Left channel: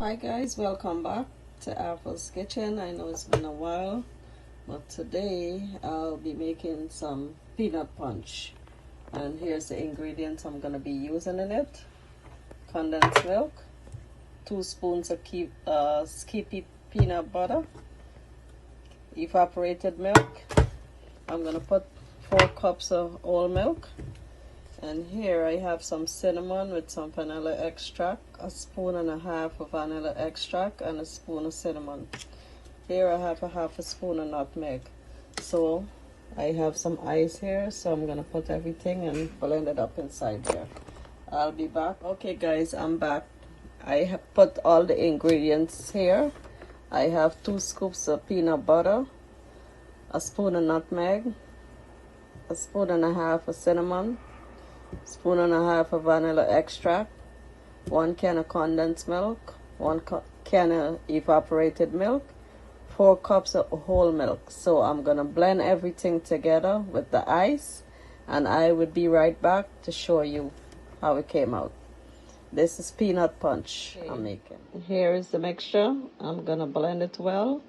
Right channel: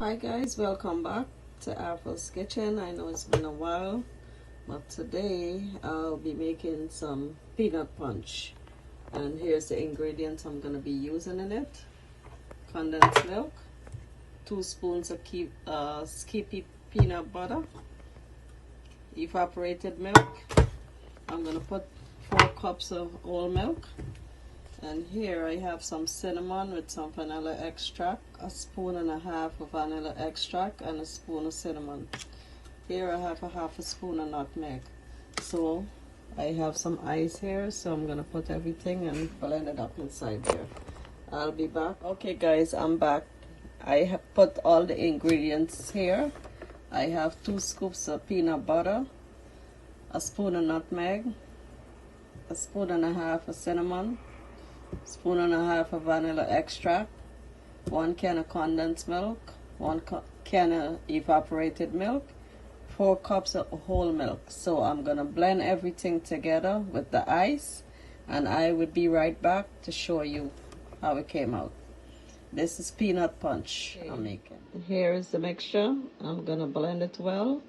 Hi guys, welcome back to April's Kitchen. I know it's been a while, but today I'll be making some peanut punch. And here's the ingredients I'm going to be using in it. Condensed milk, 2 spoons of skippy peanut butter, evaporated milk. I'm going to put 4 cups of whole milk. And here I have some cinnamon with some vanilla extract, 1.5 spoons of vanilla extract, and a spoon of cinnamon. Here I have a 1/2 spoon of nutmeg. So I have some ice here, so I'm gonna put everything and blend it up inside here. I'll be back. Okay guys, I'm back. I have put all the ingredients here. I have 2 scoops of peanut butter, 1 spoon of nutmeg, 1.5 spoons of cinnamon, 1.5 spoons of vanilla extract, 1 can of condensed milk, 1 can of evaporated milk, 4 cups of whole milk. So I'm gonna blend everything together with the ice, and I will be right back to show you how it came out. This is peanut punch I'm making. Here is the mixture. I'm gonna blend it well.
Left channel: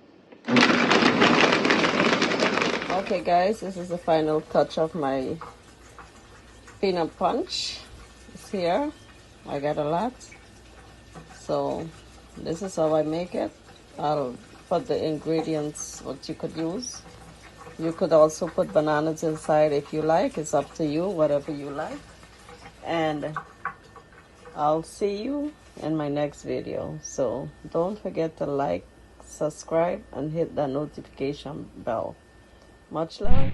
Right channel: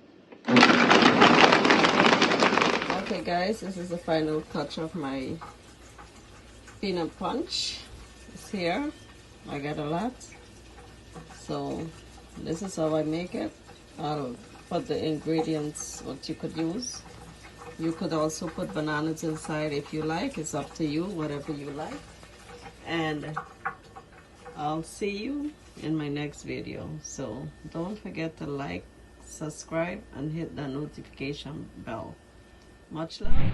Okay guys, this is the final touch of my peanut punch. It's here. I got a lot, so this is how I make it. I'll put the ingredients what you could use. You could also put bananas inside if you like. It's up to you, whatever you like. And I'll see you in my next video. So don't forget to like, subscribe, and hit that notification bell. Much love.